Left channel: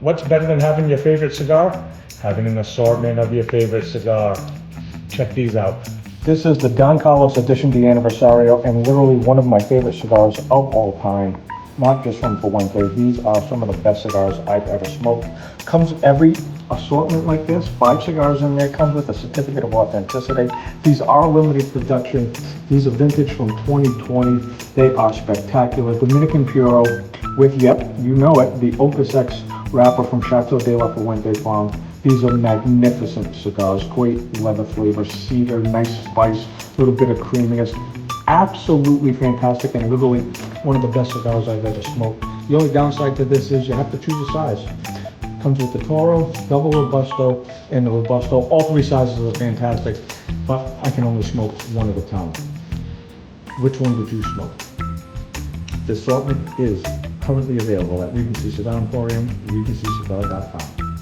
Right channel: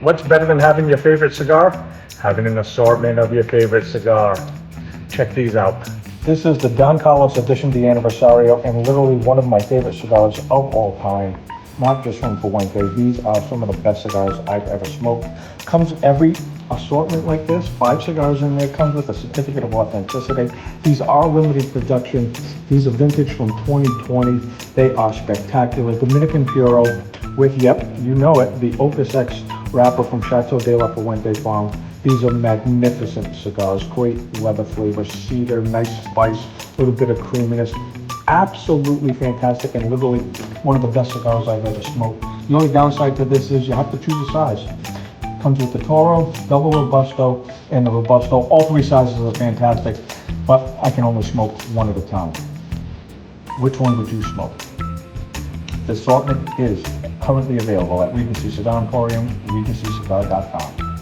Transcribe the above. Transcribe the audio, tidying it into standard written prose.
What's better than having your favorite cigar? Having an assortment of your favorite cigar. Check these out. This is the Don Carlos Edition de Aniversario, and literally one of my favorite cigars of all time. Not just from Fuente. These are some of the best cigars I've ever smoked. Comes every assortment like this, 5 cigars in there, comes with a certificate of authenticity. These are limited production. These are vintage from 2020. They are spectacular. Dominican Puro with, yep, you know it, the Opus X wrapper from Chateau de la Fuente Farm. These are magnificent cigars, great leather flavor, cedar, nice spice, a little bit of creaminess. Absolutely fantastic, and literally one of the best cigars I've ever smoked. The only downside to this is you have to choose a size. Comes with the Toro, Double Robusto, and the Robusto. All 3 sizes are fantastic, but I can only smoke one at a time. Which one would you smoke? The assortment is currently available at Regency Cigar Emporium, regencycigar.com.